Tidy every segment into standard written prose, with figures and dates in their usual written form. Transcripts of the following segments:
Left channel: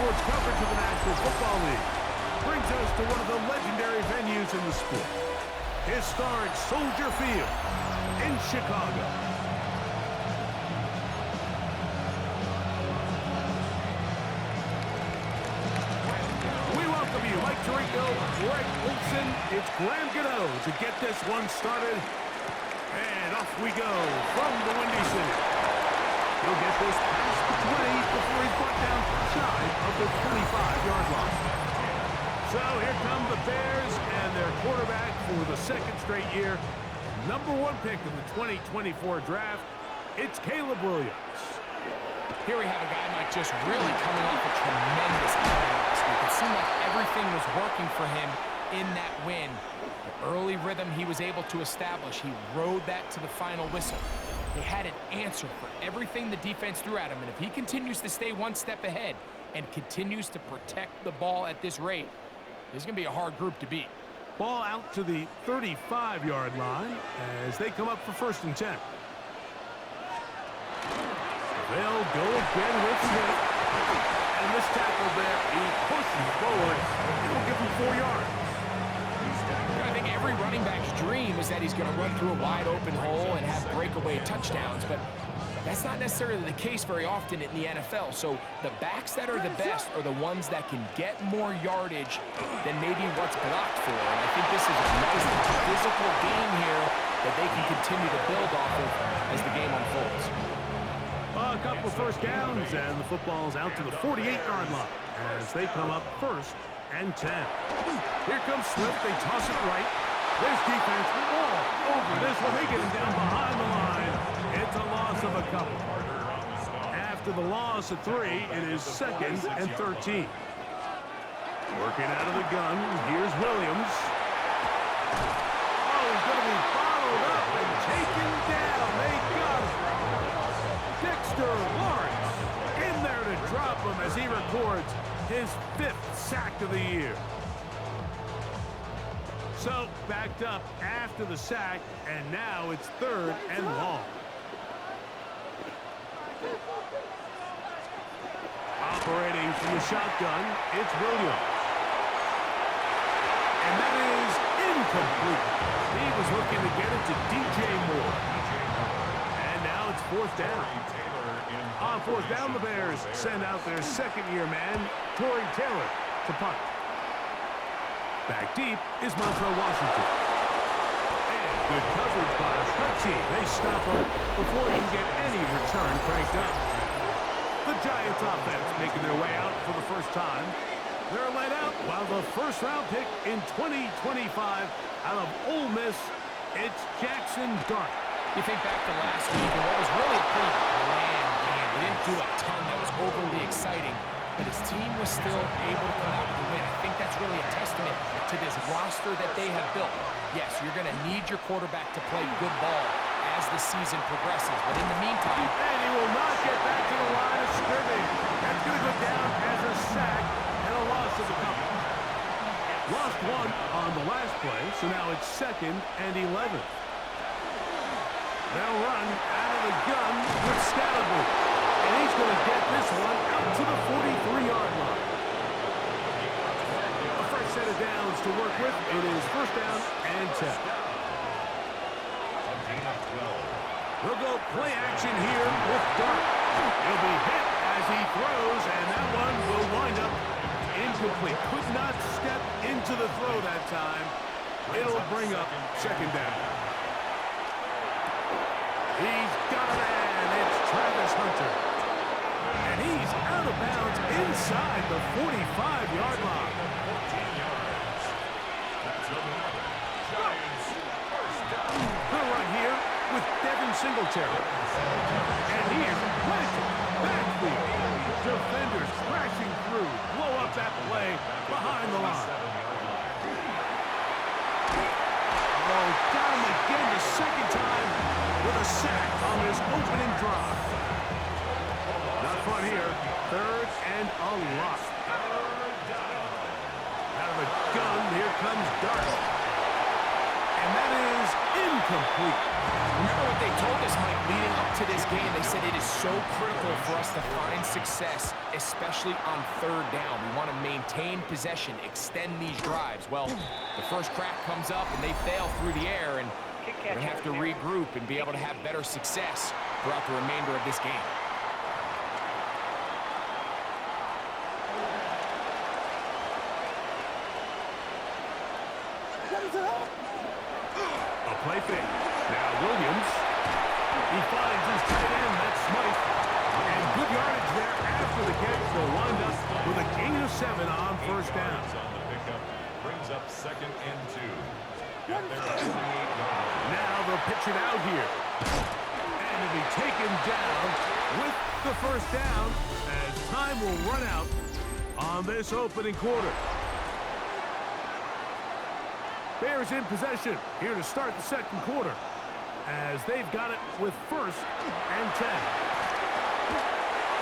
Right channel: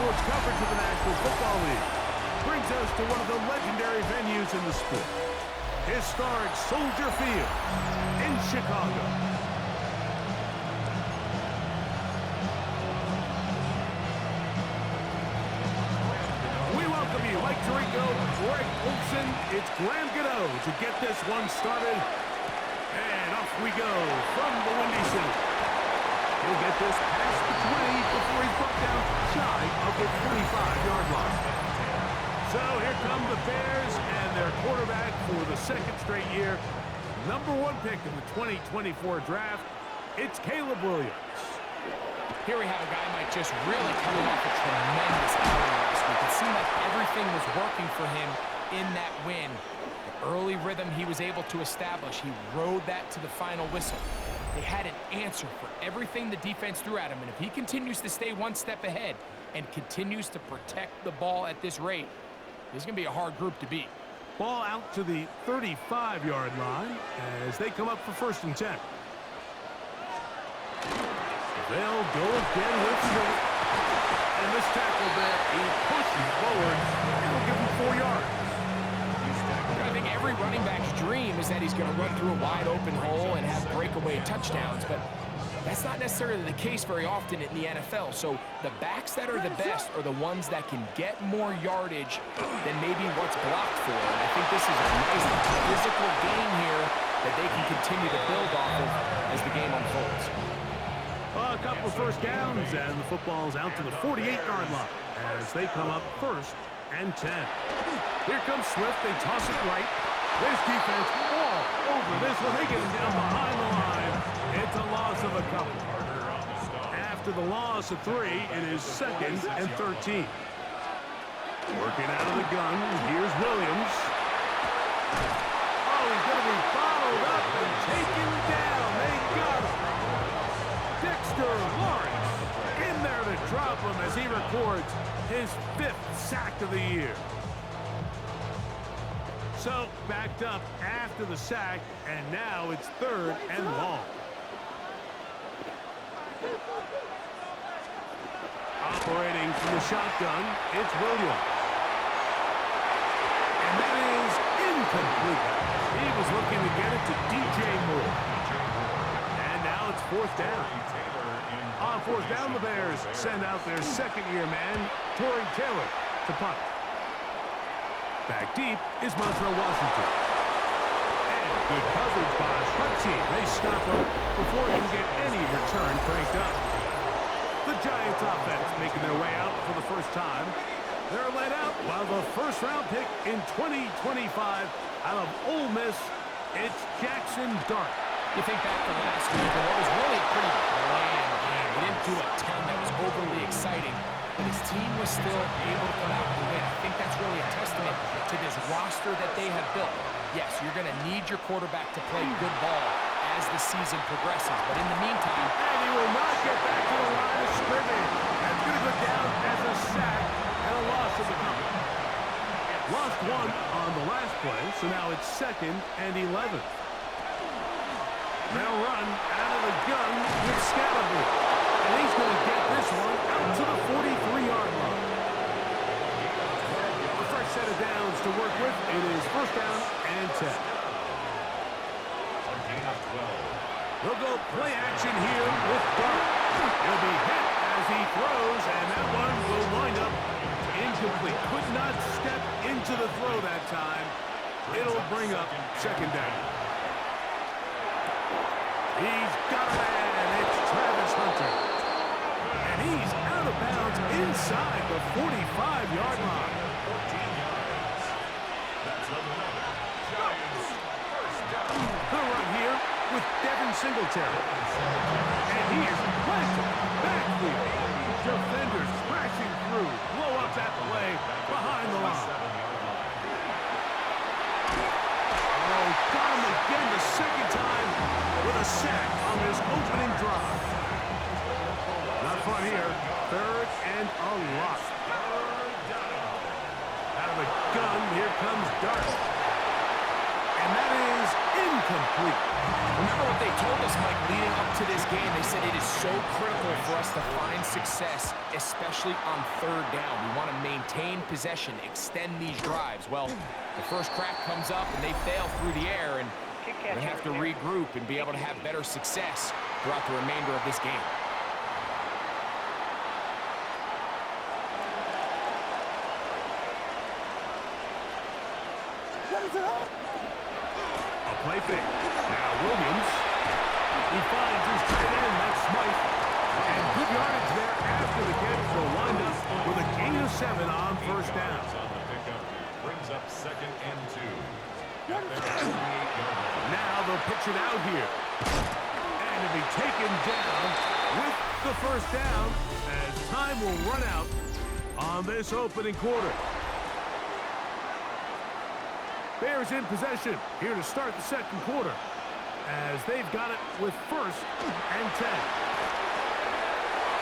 sports coverage of the National Football League brings us to one of the legendary venues in the sport, historic Soldier Field in Chicago. We welcome you, Mike Tirico, Greg Olson. It's Graham Gano to get this one started. And off we go from the Windy City. He'll get this past the 20 before he's brought down shy of the 25-yard line. So here come the Bears and their quarterback for the second straight year. #1 pick in the 2024 draft. It's Caleb Williams. Here we have a guy, Mike, just really coming off a tremendous outing last week. It seemed like everything was working for him in that win. The early rhythm he was able to establish, he rode that to the final whistle. They had an answer for everything the defense threw at him, and if he continues to stay one step ahead and continues to protect the ball at this rate, this is going to be a hard group to beat. Ball out to the 35-yard line as they come up for 1st and 10. They'll go again with Smith. And this tackle there, he pushes forward. It'll give him 4 yards. I think every running back's dream is that he's going to run through a wide-open hole and have breakaway touchdowns, but that's not necessarily the case very often in the NFL. So the backs that are the best are the ones that can get more yardage than maybe what's blocked for. And I think this is a nice physical game here that they can continue to build off of as the game unfolds. A couple of first downs, and the football's out to the 48-yard line as they come up 1st and 10. Here comes Swift. They toss it right. This defense all over this one. They get him down behind the line. It's a loss of a couple. After the loss of 3, it is 2nd and 13. Working out of the gun. Here's Williams. Oh, he's going to be bottled up and taken down. They got him. Dexter Lawrence in there to drop him as he records his 5th sack of the year. So, backed up after the sack, and now it's 3rd and long. Operating from the shotgun, it's Williams. And that is incomplete. He was looking to get it to DJ Moore. And now it's 4th down. On 4th down, the Bears send out their 2nd-year man, Torrey Taylor, to punt. Back deep is Montrell Washington. And good coverage by the punt team. They stop him before he can get any return cranked up. The Giants offense making their way out for the first time. They're led out while the 1st-round pick in 2025 out of Ole Miss, it's Jackson Dart. You think back to last week, and what was really a pretty bland game. He didn't do a ton that was overly exciting, but his team was still able to come out with a win. I think that's really a testament to this roster that they have built. Yes, you're going to need your quarterback to play good ball as the season progresses, but in the meantime... And he will not get back to the line of scrimmage. That's going to go down as a sack and a loss of the couple. Lost 1 on the last play, so now it's 2nd and 11. They'll run out of the gun with Scalaboo. And he's going to get this one out to the 43-yard line. A fresh set of downs to work with. It is 1st down and 10. They'll go play action here with Dart. He'll be hit as he throws, and that one will wind up incomplete. Could not step into the throw that time. It'll bring up 2nd down. He's got a man. It's Travis Hunter. And he's out of bounds inside the 45-yard line. The run here with Devin Singletary. And he is planted backfield. Defenders crashing through. Blow up that play behind the line. Oh, got him again the 2nd time with a sack on this opening drive. Not fun here. 3rd and a lot. Out of the gun, here comes Dart. and that is incomplete. Remember what they told us, Mike, leading up to this game. They said it is so critical for us to find success, especially on third down. We want to maintain possession, extend these drives. Well, the first crack comes up, and they fail through the air, and we're going to have to regroup and be able to have better success throughout the remainder of this game. A play fake. Now Williams. He finds his tight end. That's Smythe. And good yardage there after the catch. They'll wind up with a gain of 7 on first down. On the pickup brings up 2nd and 2. Got there at 28-yard line. Now they'll pitch it out here. And it'll be taken down with the first down as time will run out on this opening quarter. Bears in possession here to start the second quarter as they've got it with 1st and 10.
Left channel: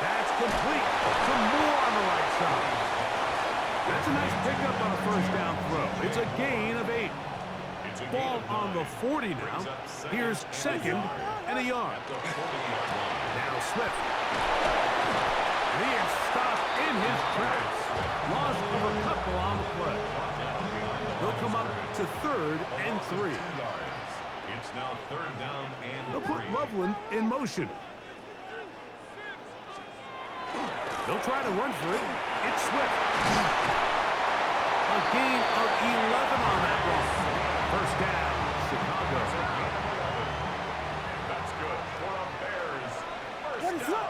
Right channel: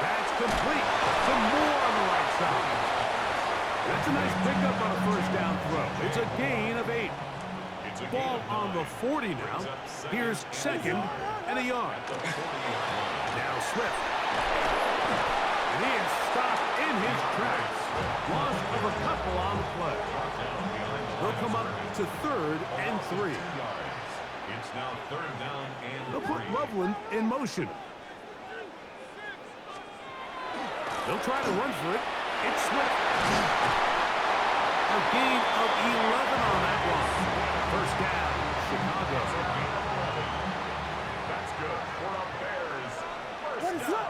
That's complete. Some more on the right side. That's a nice pickup on a first down throw. It's a gain of 8. Ball on the 40 now. Here's 2nd and a yard. Now Swift. And he is stopped in his tracks. Loss of a couple on the play. They'll come up to 3rd and 3. It's now 3rd down and They'll put Loveland in motion. They'll try to run for it. It's Swift. A gain of 11 on that run. First down, Chicago. That's good for the Bears. First down.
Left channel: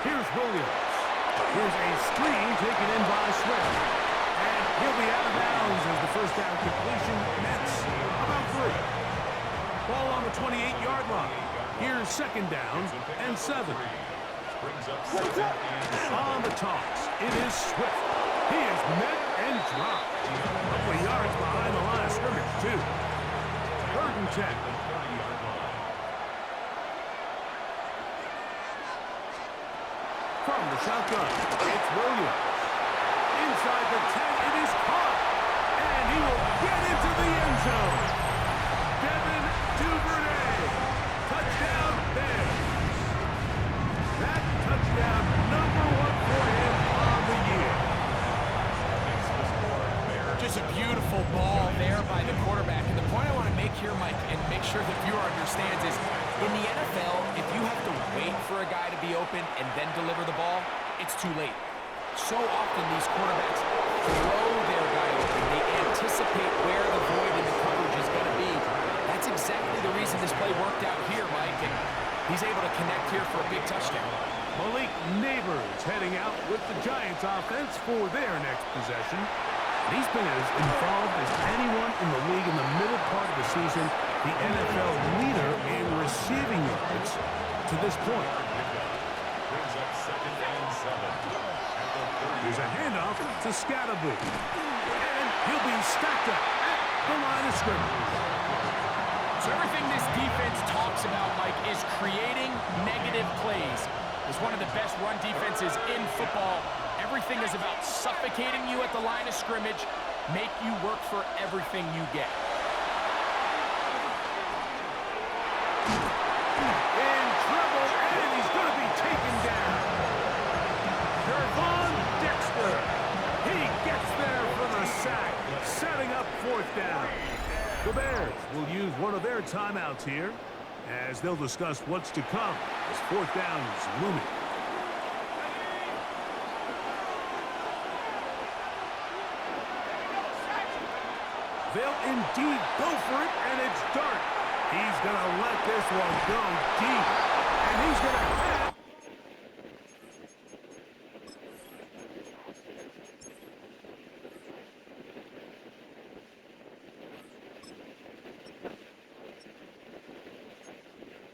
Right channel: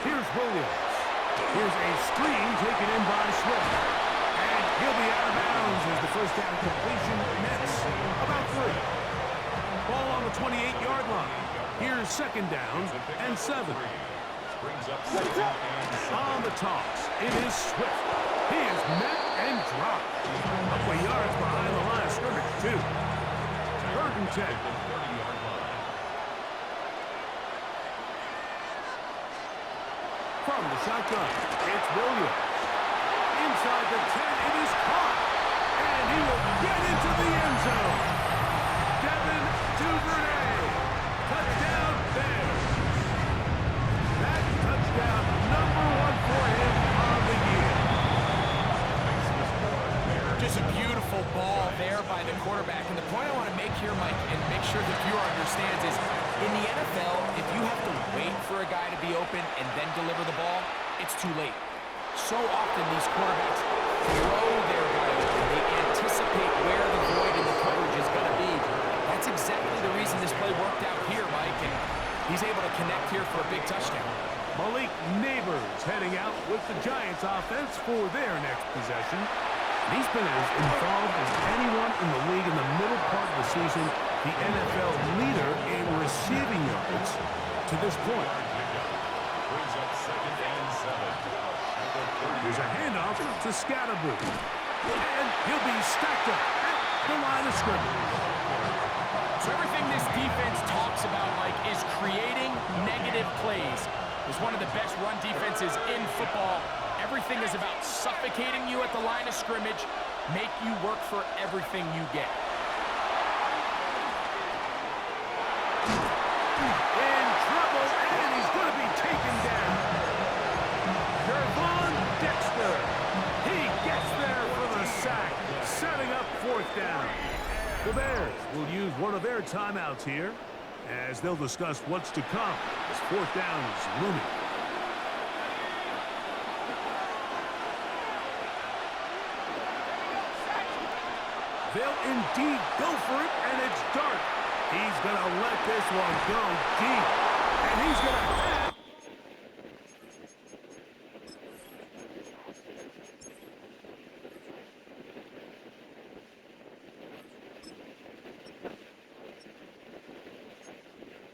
Here's Williams. Here's a screen taken in by Swift. And he'll be out of bounds as the first down completion nets about 3. Ball on the 28-yard line. Here's 2nd down and 7. Brings up 2nd and 7. On the toss, it is Swift. He is met and dropped. A couple of yards behind the line of scrimmage, too. 3rd and 10. The 30-yard line. From the shotgun, it's Williams. Inside the 10, it is caught. And he will get into the end zone. Devin Duvernay. Touchdown Bears. That touchdown number 1 for him on the year. Just a beautiful ball there by the quarterback. And the point I want to make here, Mike, and make sure the viewer understands is, in the NFL, if you have to wait for a guy to be open and then deliver the ball, it's too late. So often these quarterbacks throw their guy open. They anticipate where the void in the coverage is going to be. That's exactly the reason this play worked out here, Mike, and he's able to connect here for a big touchdown. Malik Neighbors heading out with the Giants offense for their next possession. He's been as involved as anyone in the league in the middle part of the season, the NFL leader in receiving yards to this point. Brings up 2nd and 7. Here's a handoff to Scatterboo. And he'll be stacked up at the line of scrimmage. So everything this defense talks about, Mike, is creating negative plays. It's one of the best run defenses in football. Everything is about suffocating you at the line of scrimmage, make you work for everything you get. In trouble, and he's going to be taken down. Gervon Dexter. He gets there for the sack, setting up 4th down. The Bears will use one of their timeouts here as they'll discuss what's to come as 4th down is looming. They'll indeed go for it, and it's Dart. He's going to let this one go deep, and he's going to have...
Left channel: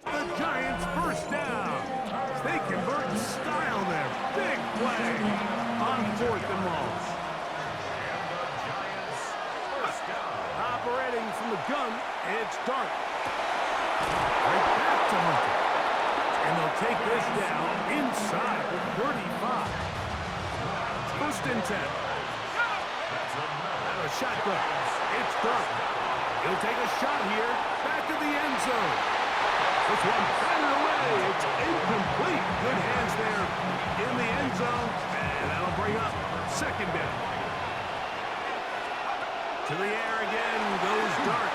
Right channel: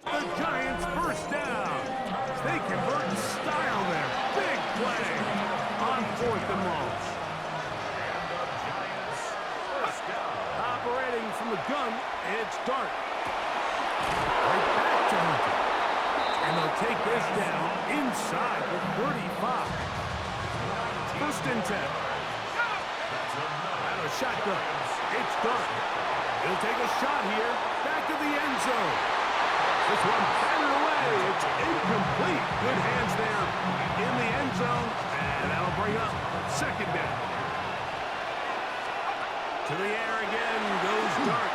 The Giants first down. They convert in style there. Big play on 4th and long. And the Giants first down. Operating from the gun, it's Dart. Right back to Hunter. And they'll take this down inside the 35. 1st and 10. That's another the shotgun. It's Dart. He'll take a shot here. Back to the end zone. This one batted away. It's incomplete. Good hands there in the end zone. And that'll bring up second down. To the air again goes Dart.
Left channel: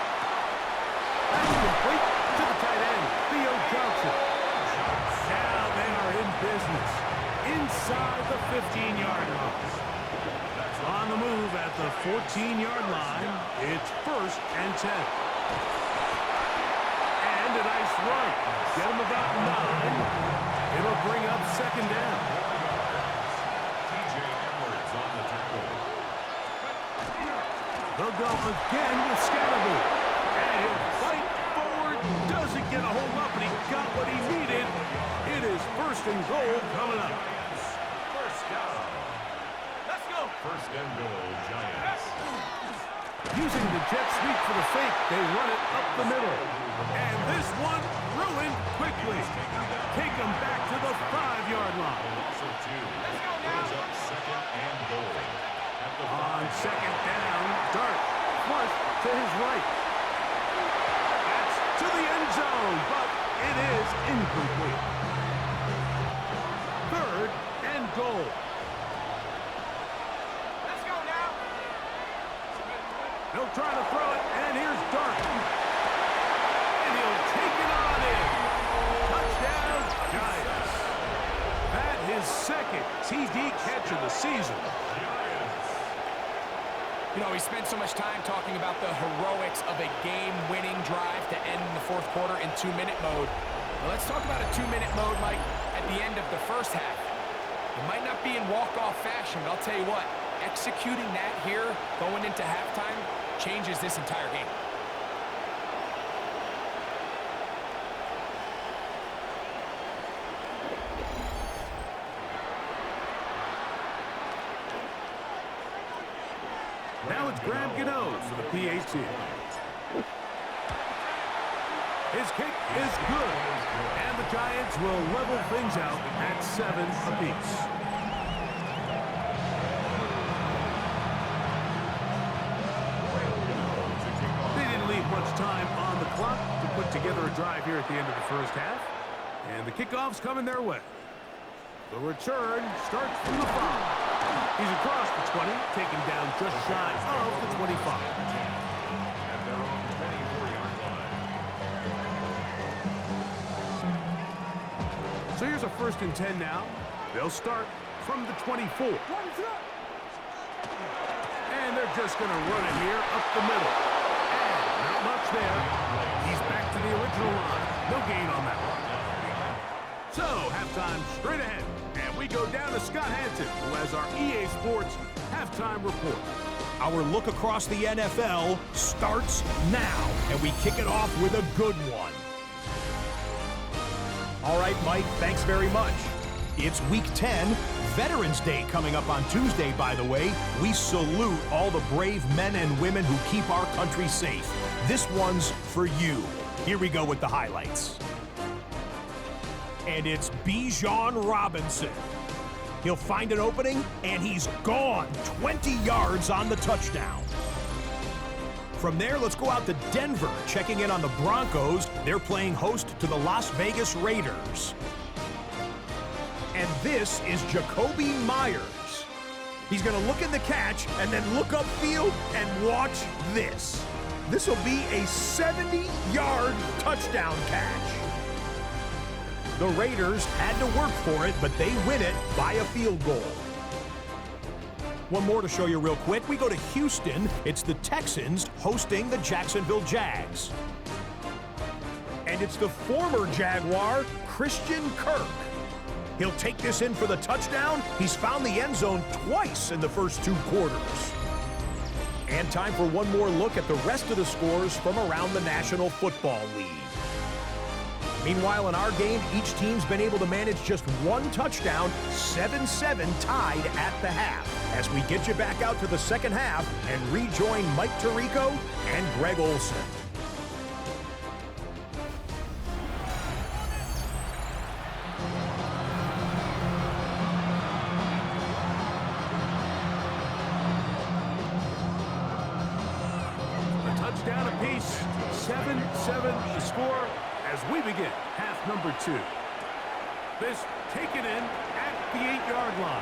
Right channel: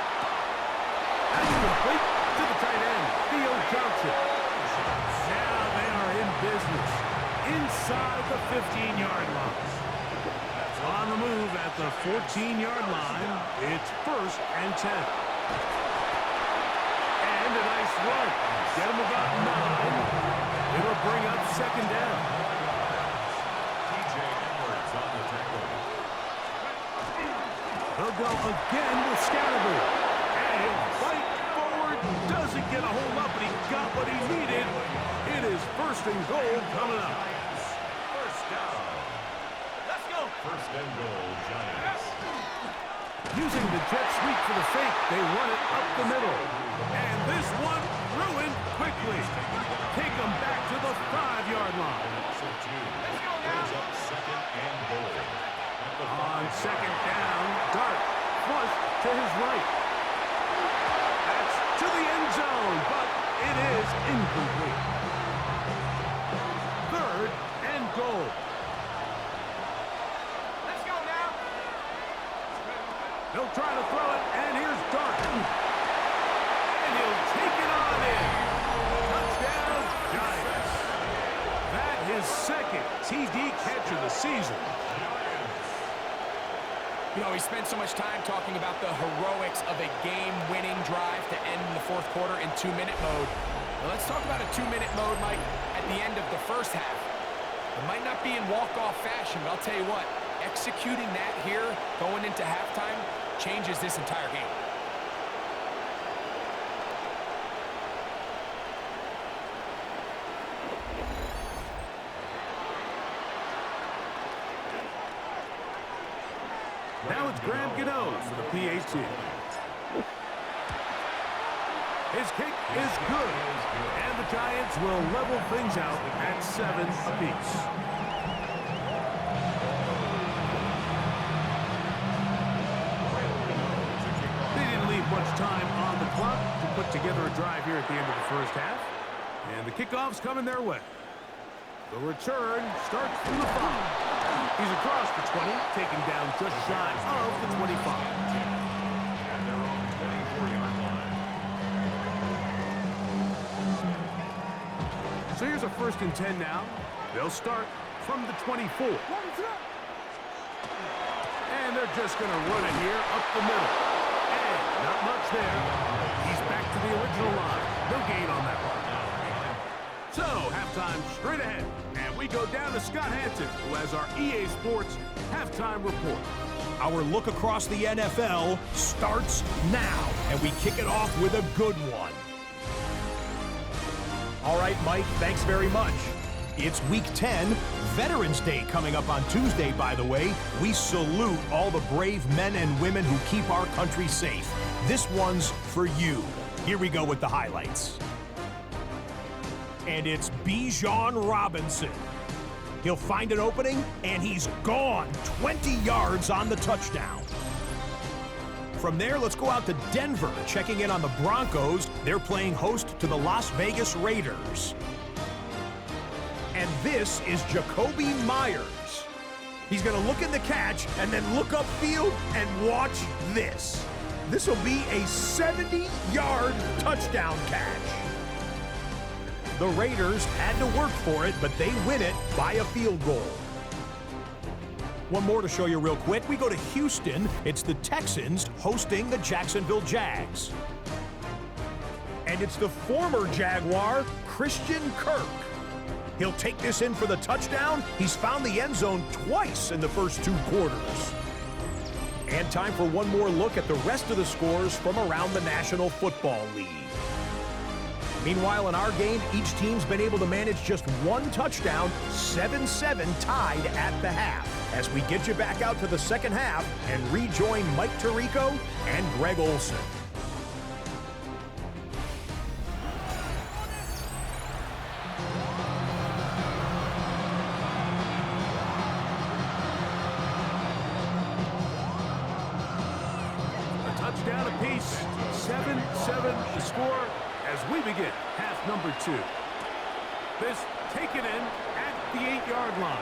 That's complete to the tight end, Theo Johnson. Now they are in business inside the 15-yard line. On the move at the 14-yard line, it's 1st and 10. And a nice run. Get him about 9. It'll bring up second down. They'll go again with Scatterboo. And he'll fight forward. Doesn't get a hold up, but he got what he needed. It is 1st and goal coming up. First down. Let's go. 1st and goal, Giants. Using the jet sweep for the fake, they run it up the middle. And this one ruined quickly. Take them back to the 5-yard line. Also 2. Brings up 2nd and goal. On 2nd down, Dart flush to his right. That's to the end zone, but it is incomplete. 3rd and goal. Let's go now. They'll try to throw it, and here's Dart. And he'll take it on in. Touchdown, Giants. That his 2nd TD catch of the season. You know, we spent so much time talking about the heroics of a game-winning drive to end in the 4th quarter in 2-minute mode. Well, let's talk about a 2-minute mode, Mike, at the end of the 1st half. It might not be in walk-off fashion, but I'll tell you what, executing that here going into halftime changes this entire game. Now it's Graham Gano for the PAT. His kick is good, and the Giants will level things out at 7 apiece. They didn't leave much time on the clock to put together a drive here at the end of the 1st half, and the kickoff's coming their way. The return starts from the 5. He's across the 20, taken down just shy of the 25. At their own 24-yard line. So here's a 1st and 10 now. They'll start from the 24. And they're just going to run it here up the middle. And not much there. He's back to the original line. No gain on that one. So, halftime straight ahead. And we go down to Scott Hanson, who has our EA Sports halftime report. Our look across the NFL starts now, and we kick it off with a good one. All right, Mike, thanks very much. It's Week 10, Veterans Day coming up on Tuesday, by the way. We salute all the brave men and women who keep our country safe. This one's for you. Here we go with the highlights. And it's Bijan Robinson. He'll find an opening, and he's gone 20 yards on the touchdown. From there, let's go out to Denver, checking in on the Broncos. They're playing host to the Las Vegas Raiders. And this is Jacoby Myers. He's going to look in the catch and then look upfield and watch this. This will be a 70-yard touchdown catch. The Raiders had to work for it, but they win it by a field goal. One more to show you real quick. We go to Houston. It's the Texans hosting the Jacksonville Jags. And it's the former Jaguar, Christian Kirk. He'll take this in for the touchdown. He's found the end zone twice in the first 2 quarters. And time for one more look at the rest of the scores from around the National Football League. Meanwhile, in our game, each team's been able to manage just 1 touchdown, 7-7 tied at the half. As we get you back out to the 2nd half and rejoin Mike Tirico and Greg Olson. apiece. 7-7 the score as we begin half number 2. This taken in at the 8-yard line.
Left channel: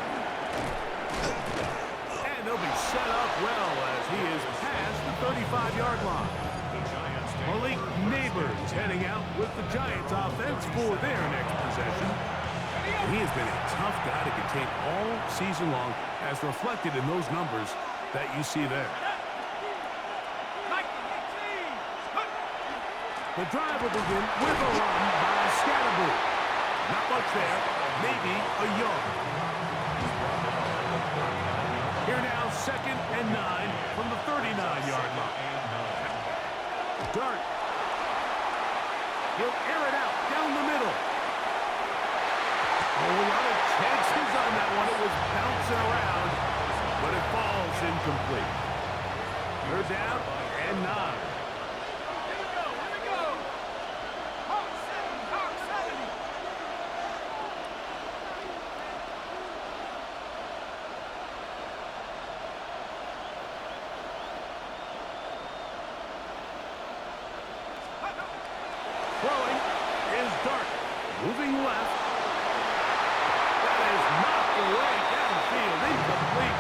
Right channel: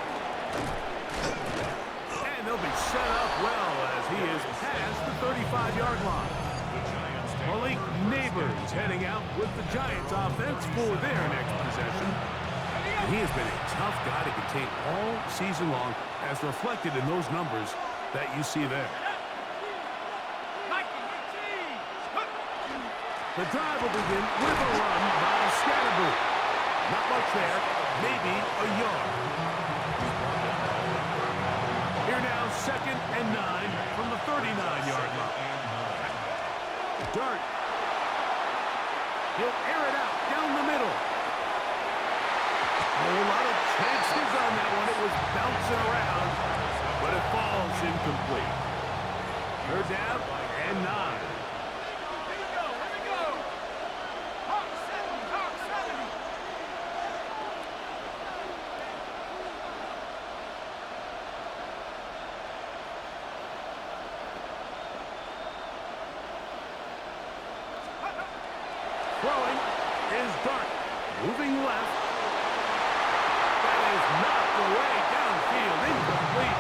And they'll be set up well as he is past the 35-yard line. Malik Neighbors heading out with the Giants offense for their next possession. And he has been a tough guy to contain all season long, as reflected in those numbers that you see there. The drive will begin with a run by Scatterboo. Not much there, maybe a yard. Here now, 2nd and 9 from the 39-yard line. Dart. He'll air it out down the middle. A whole lot of chances on that one. It was bouncing around, but it falls incomplete. 3rd down and 9. Throwing is Dart. Moving left. That is knocked away downfield. Incomplete.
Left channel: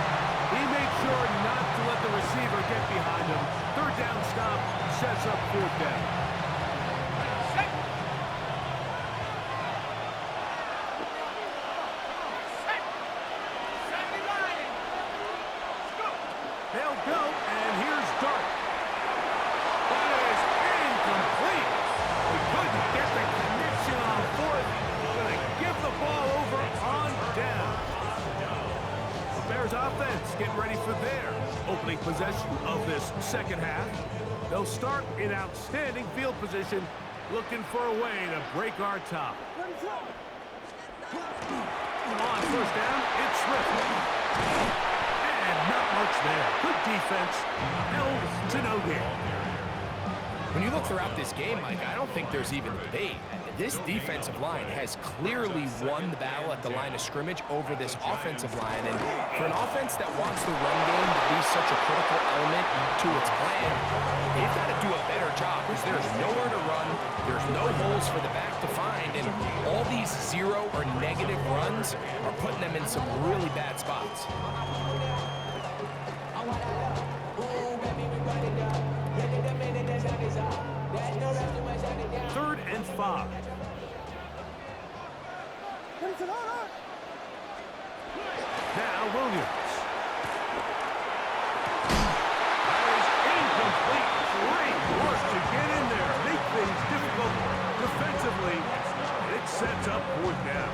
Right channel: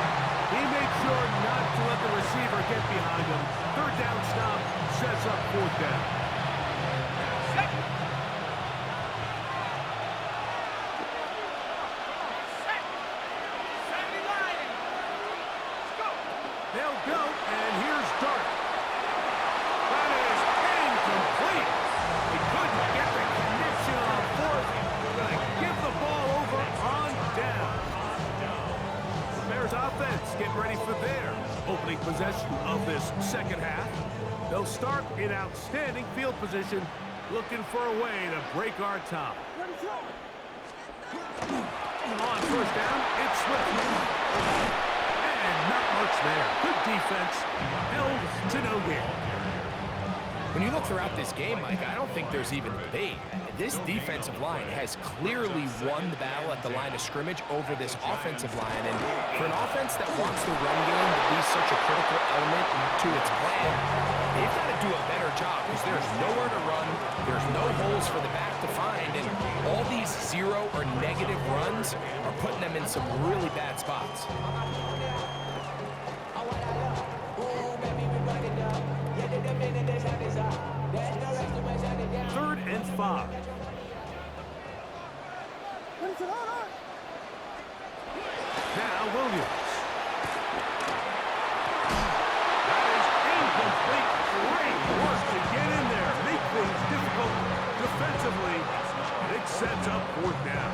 He made sure not to let the receiver get behind him. 3rd down stop sets up 4th down. They'll go, and here's Dart. That is incomplete. He couldn't get the connection on 4th. Going to give the ball over on down. The Bears offense getting ready for their opening possession of this second half. They'll start in outstanding field position, looking for a way to break our top. On 1st down, it's Swift. And not much there. Good defense. Held to no gain. When you look throughout this game, Mike, I don't think there's even a debate. This defensive line has clearly won the battle at the line of scrimmage over this offensive line. And for an offense that wants the run game to be such a critical element to its plan, they've got to do a better job because there's nowhere to run, there's no holes for the back to find, and all these 0 or negative runs are putting them in some really bad spots. 3rd and 5. Now Williams. That is incomplete. Great work to get in there. Make things difficult defensively. And it sets up 4th down.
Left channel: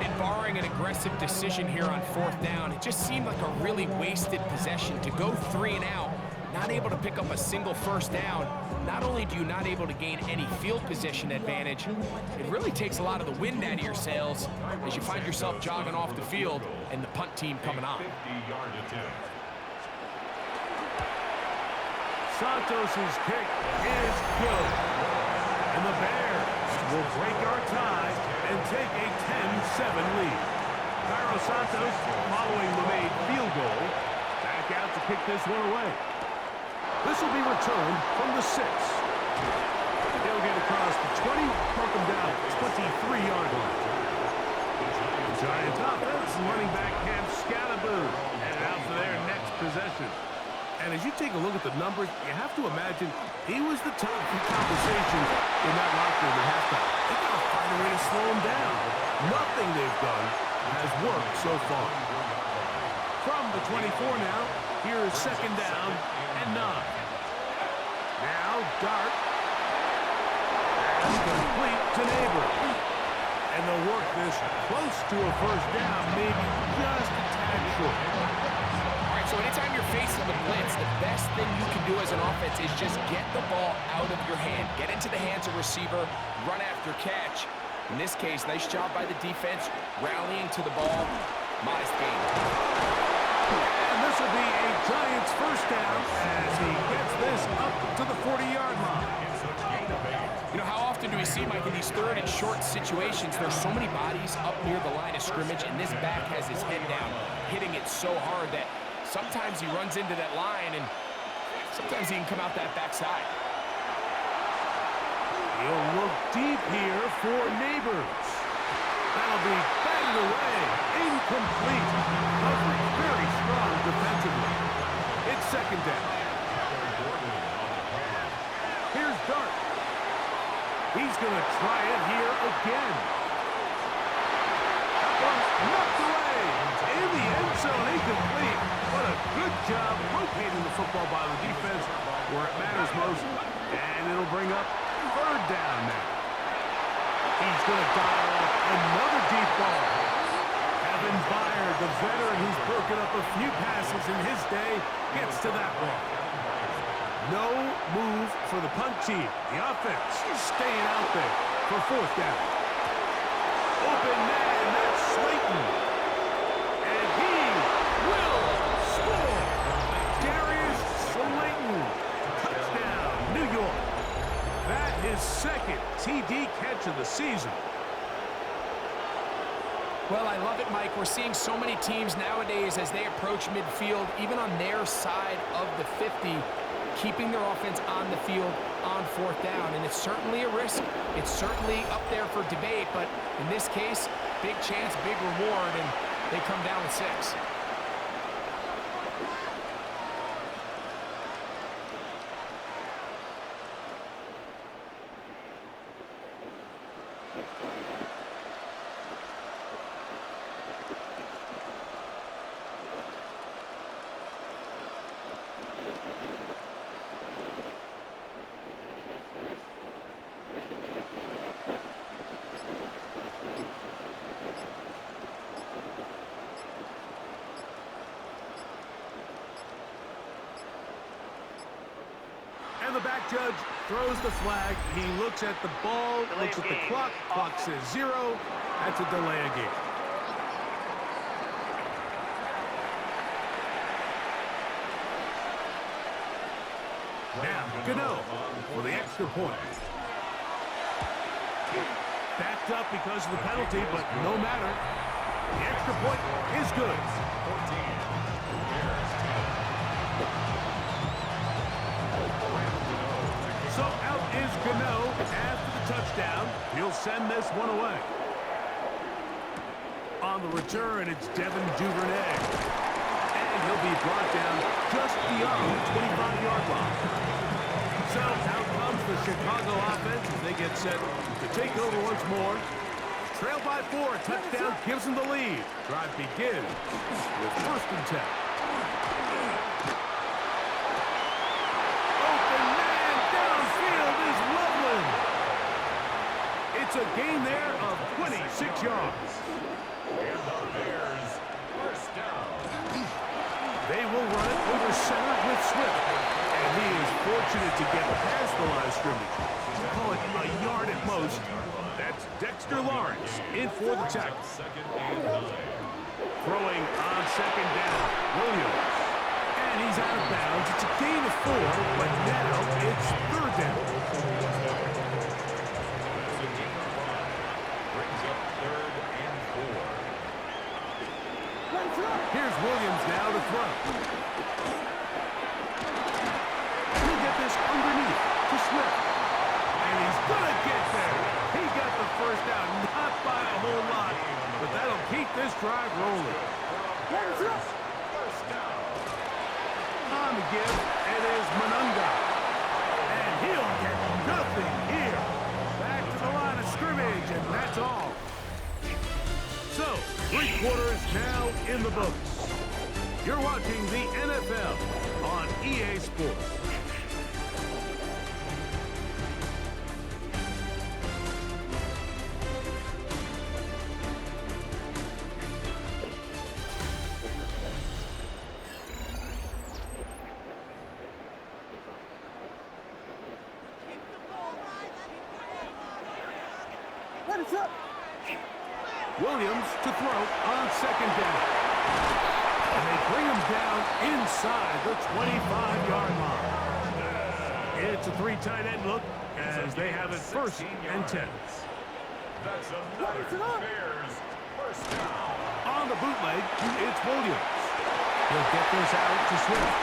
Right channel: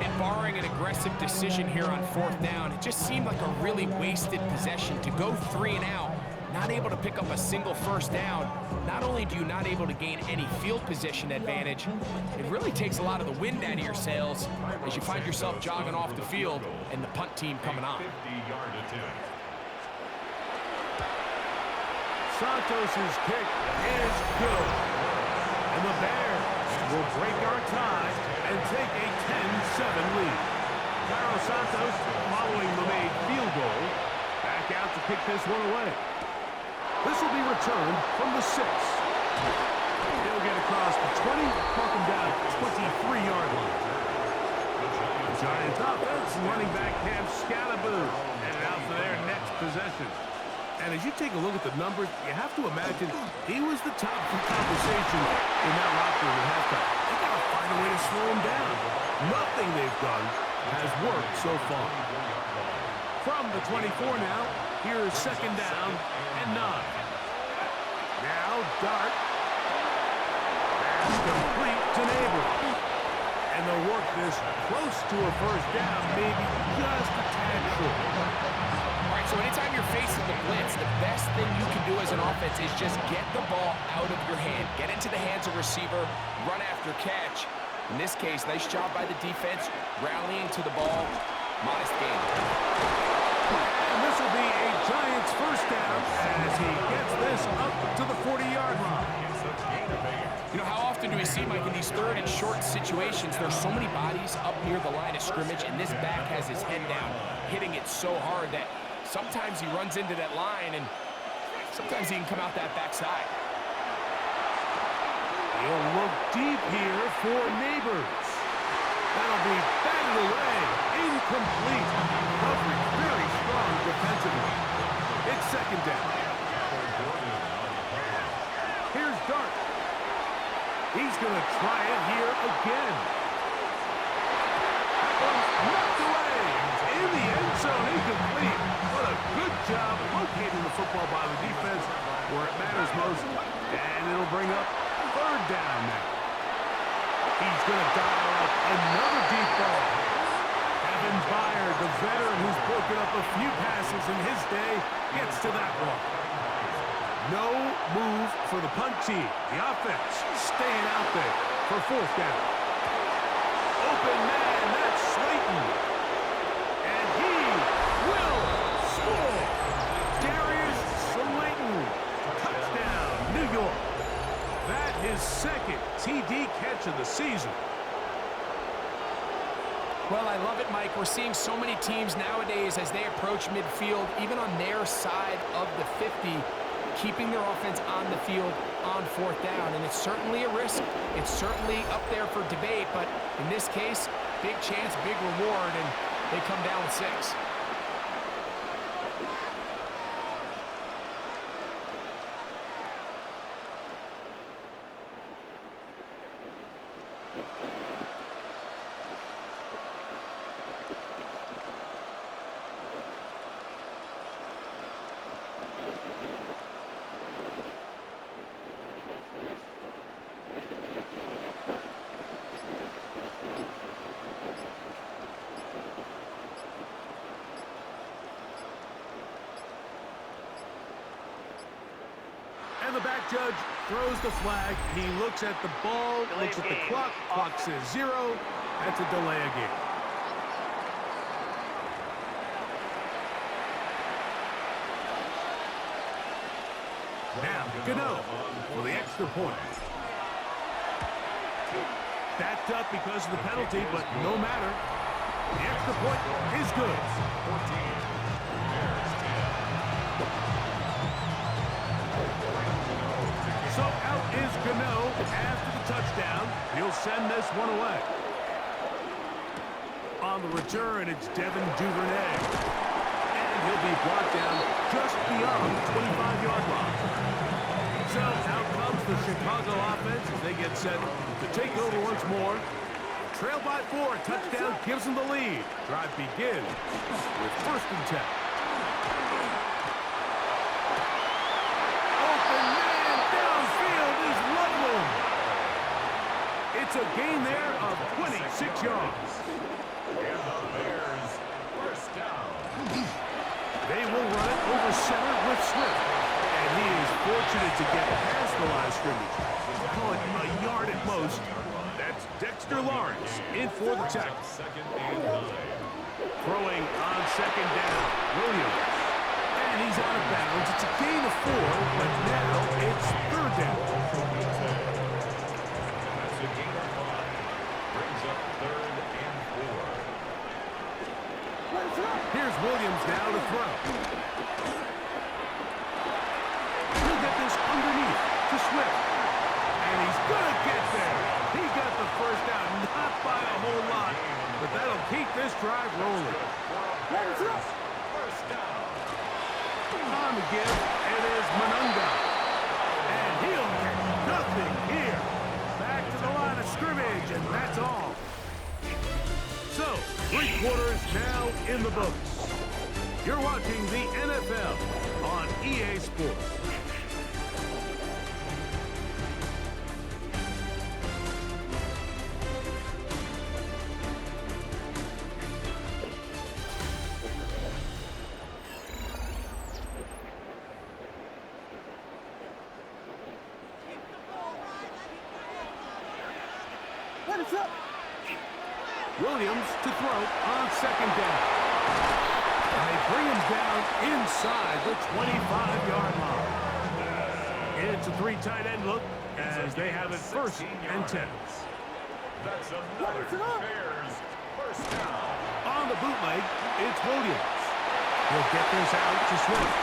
And barring an aggressive decision here on 4th down, it just seemed like a really wasted possession to go 3 and out. Not able to pick up a single 1st down. Not only do you not able to gain any field position advantage, it really takes a lot of the wind out of your sails as you find yourself jogging off the field and the punt team coming on. 50-yard attempt. Santos' kick is good. And the Bears will break our tie and take a 10-7 lead. Cairo Santos, following the made field goal, back out to kick this one away. This will be returned from the 6. He'll get across the 20, mark him down at 23-yard line. The Giants offense, running back Cam Scatterboo, headed out for their next possession. And as you take a look at the numbers, you have to imagine he was the top of conversation in that locker room at halftime. They got to find a way to slow him down. Nothing they've done has worked so far. From the 24 now, here's 2nd down and 9. Now Dart. Pass complete to Neighbors. And they'll work this close to a 1st down, maybe just a tad short. All right, so anytime you're facing the blitz, the best thing you can do as an offense is just get the ball out of your hand. Get into the hands of receiver, run after catch. In this case, nice job by the defense, rallying to the ball. Modest gain. And this will be a Giants 1st down as he gets this up to the 40-yard line. You know, how often do we see, Mike, in these 3rd and short situations, there's so many bodies up near the line of scrimmage, and this back has his head down, hitting it so hard that sometimes he runs into that line and Sometimes he can come out that backside. He'll look deep here for Neighbors. That'll be batted away. Incomplete. Coverage very strong defensively. It's second down. Here's Dart. He's going to try it here again. That one's knocked away. In the end zone, incomplete. What a good job locating the football by the defense where it matters most. And it'll bring up third down now. He's going to dial up another deep ball. Evan Byard, the veteran who's broken up a few passes in his day, gets to that one. No move for the punt team. The offense staying out there for fourth down. Open man, that's Slayton. And he will score. Darius Slayton. Touchdown, New York. That his second TD catch of the season. Well, I love it, Mike. We're seeing so many teams nowadays as they approach midfield, even on their side of the 50, keeping their offense on the field on fourth down. And it's certainly a risk. It's certainly up there for debate. But in this case, big chance, big reward, and they come down with 6. And the back judge throws the flag. He looks at the ball, looks at the clock. Clock says 0. That's a delay of game. Now, Gano for the extra point. Backed up because of the penalty, but no matter. The extra point is good. 14. Bears 10. So out is Gano after the touchdown. He'll send this one away. On the return, it's Devin Duvernay. And he'll be brought down just beyond the 25-yard line. So out comes the Chicago offense as they get set to take over once more. Trail by 4, touchdown gives them the lead. Drive begins with 1st and 10. Open man downfield is Loveland. It's a gain there of 26 yards. And the Bears, 1st down. They will run it over center with Swift. And he is fortunate to get past the line of scrimmage. Call it a yard at most. That's Dexter Lawrence in for the tackle. 2nd and 9. Throwing on 2nd down, Williams. And he's out of bounds. It's a gain of 4, but now it's 3rd down. That's a gain of 5. Brings up 3rd and 4. Here's Williams now to throw. He'll get this underneath to Swift. And he's going to get there. He got the 1st down, not by a whole lot, but that'll keep this drive rolling. Bears, 1st down. On the give, it is Monunga. And he'll get nothing here. Back to the line of scrimmage, and that's all. So, 3 quarters now in the books. You're watching the NFL on EA Sports. Williams to throw on 2nd down. And they bring him down inside the 25-yard line. It's a 3 tight end look as they have it 1st and 10. That's another Bears 1st down. On the bootleg, it's Williams. He'll get this out to Swift.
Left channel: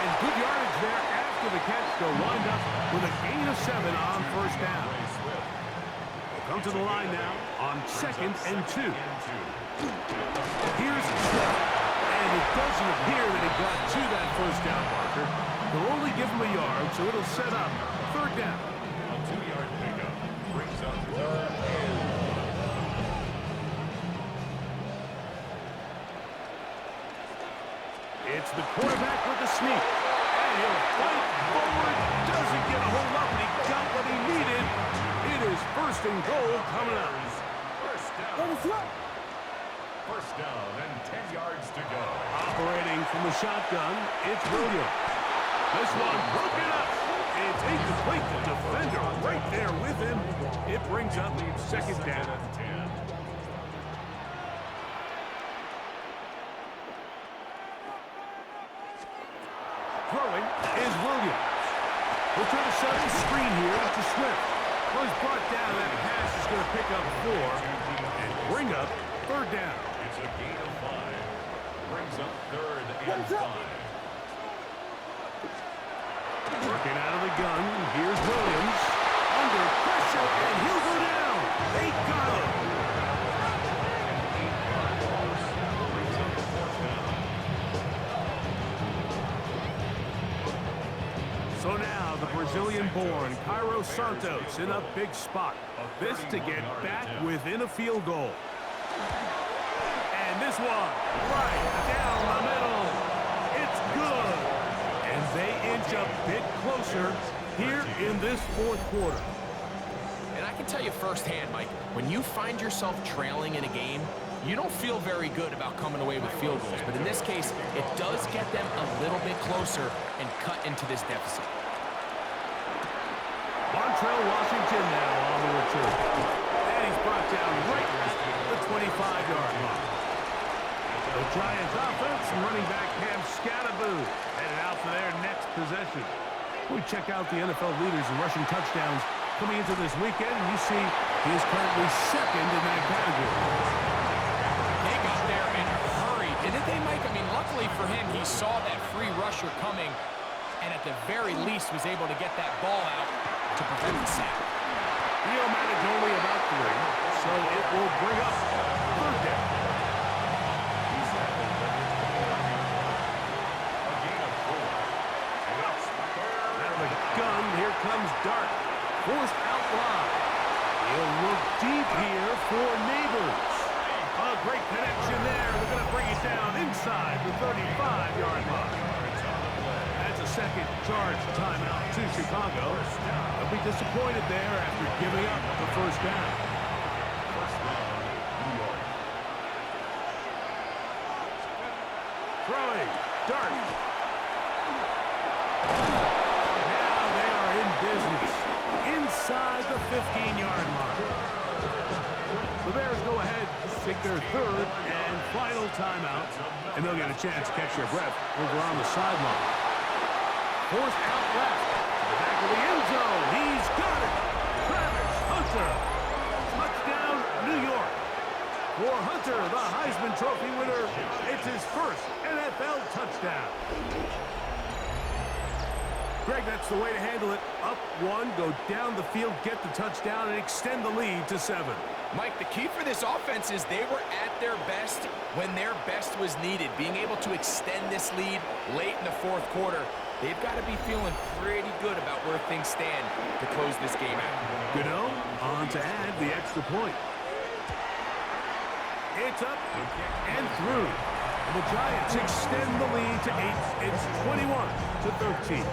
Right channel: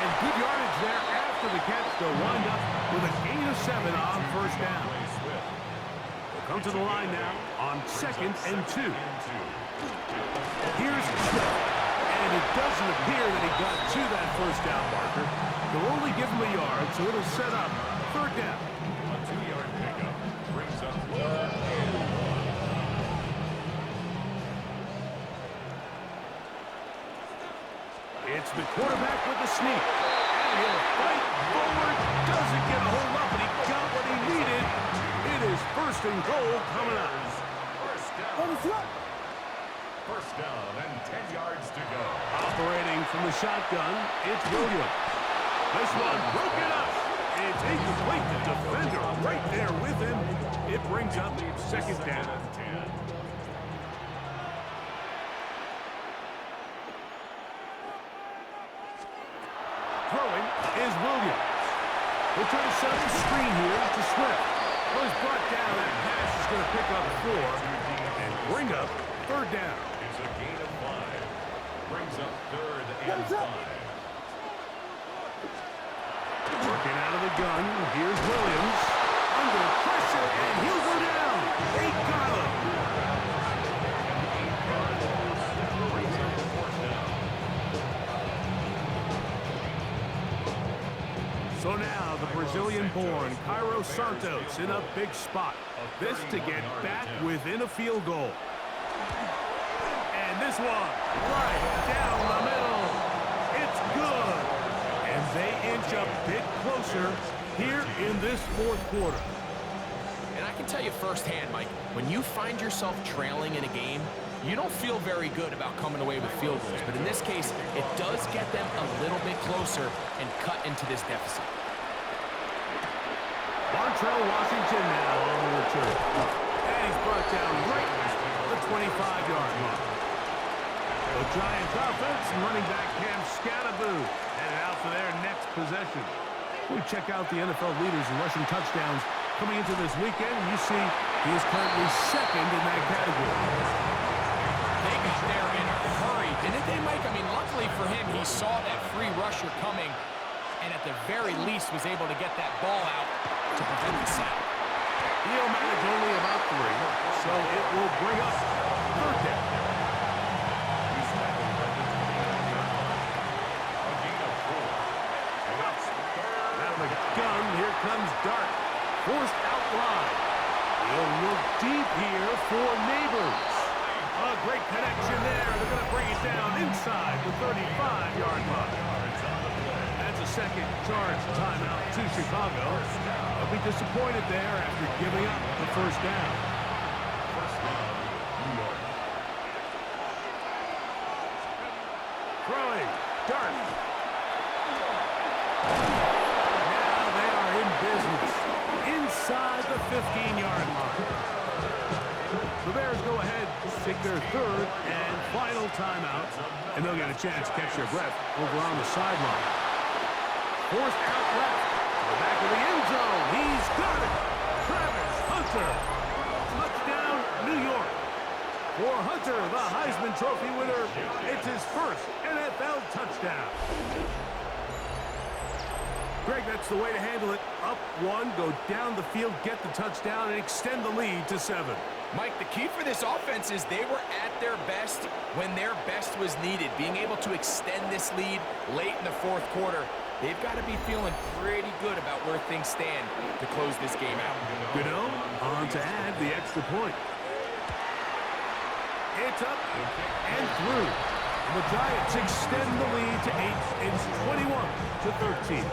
And good yardage there after the catch. They'll wind up with a gain of 7 on first down. They'll come to the line now on 2nd and 2. Here's Swift. And it doesn't appear that he got to that first down marker. They'll only give him a yard, so it'll set up 3rd down. A 2-yard pickup brings up 3rd and 1. It's the quarterback with the sneak. And he'll fight forward. Doesn't get a hold up, but he got what he needed. It is 1st and goal coming up. First down. First down and 10 yards to go. Operating from the shotgun, it's Williams. This one broken up. It's incomplete. The defender right there with him. It brings up 2nd down. And 10. Throwing is Williams. We'll try to set up the screen here to Swift. Well, he's brought down. That pass is going to pick up 4 and bring up 3rd down. It's a gain of 5. Brings up 3rd and 5. Working out of the gun. Here's Williams. Under pressure, and he'll go down. They got him. An 8-yard loss. Brings up 4th down. So now the Brazilian-born Cairo Santos in a big spot. This to get back within a field goal. And this one right down the middle. It's good. And they inch a bit closer here in this 4th quarter. And I can tell you firsthand, Mike, when you find yourself trailing in a game, you don't feel very good about coming away with field goals. But in this case, it does get them a little bit closer and cut into this deficit. Montrell Washington now on the return. And he's brought down right at the 25-yard line. The Giants offense and running back Cam Scattaboo headed out for their next possession. We check out the NFL leaders in rushing touchdowns coming into this weekend, and you see he is currently 2nd in that category. They got there in a hurry, didn't they, Mike? I mean, luckily for him, he saw that free rusher coming, and at the very least was able to get that ball out to prevent the sack. He'll manage only about 3, so it will bring up 3rd down. He's tackled at the 29-yard line. A gain of 4. And that's 3rd. Out of the gun, here comes Dart. Forced out wide. He'll look deep here for Neighbors. A great connection there. They're going to bring it down inside the 35-yard line. Yards on the play. That's a second charge timeout to Chicago. They'll be disappointed there after giving up the 1st down. First down, New York. Throwing. Dart. Now they are in business. Inside the 15-yard line. The Bears go ahead, take their 3rd and final timeout, and they'll get a chance to catch their breath over on the sideline. Forced out left to the back of the end zone. He's got it. Travis Hunter. Touchdown, New York. For Hunter, the Heisman Trophy winner, it's his 1st NFL touchdown. Greg, that's the way to handle it. Up 1, go down the field, get the touchdown, and extend the lead to 7. Mike, the key for this offense is they were at their best when their best was needed. Being able to extend this lead late in the 4th quarter, they've got to be feeling pretty good about where things stand to close this game out. Gano on to add the extra point. It's up and through. And the Giants extend the lead to 8. It's 21-13.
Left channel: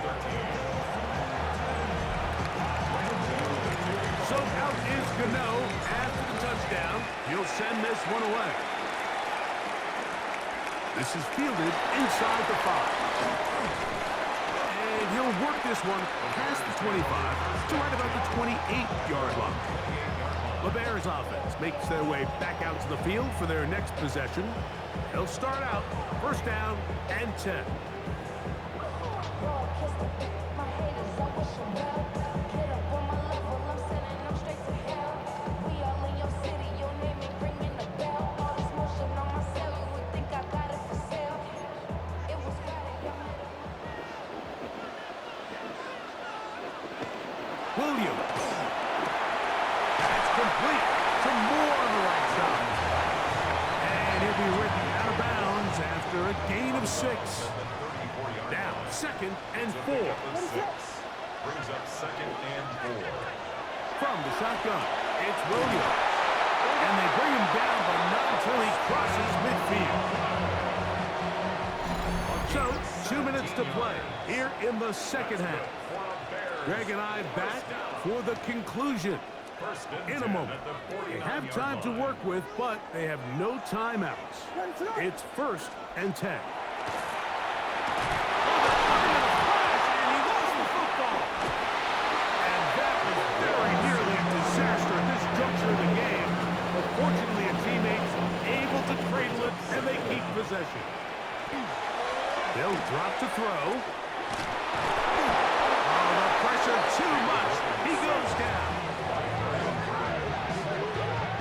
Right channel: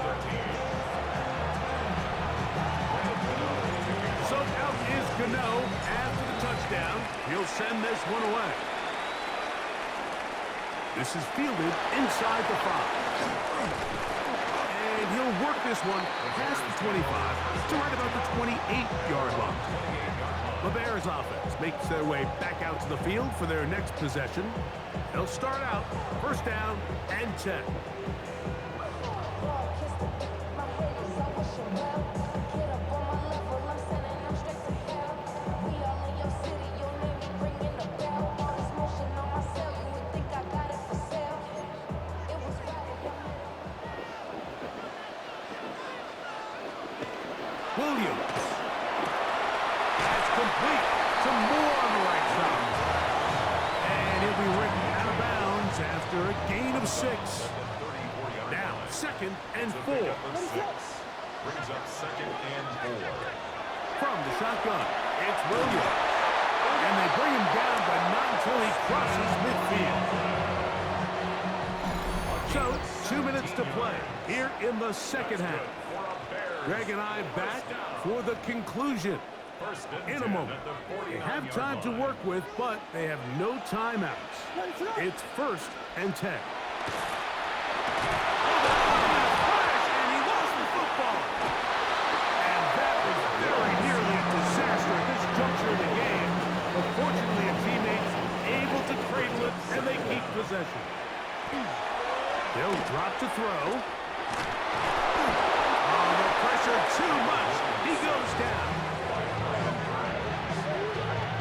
So out is Gano after the touchdown. He'll send this one away. This is fielded inside the 5. And he'll work this one past the 25 to right about the 28-yard line. The Bears offense makes their way back out to the field for their next possession. They'll start out 1st down and 10. That's complete. Some more on the right side. And he'll be written out of bounds after a gain of 6. Now, 2nd and 4. Brings up 2nd and 4. From the shotgun, it's Williams. And they bring him down, but not until he crosses midfield. So, 2 minutes to play here in the second half. Greg and I back for the conclusion in a moment. They have time to work with, but they have no timeouts. It's 1st and 10. Oh, that one in a flash, and he lost the football. And that was very nearly a disaster at this juncture of the game. But fortunately, a teammate's able to cradle it, and they keep possession. They'll drop to throw. Oh, the pressure too much. He goes down.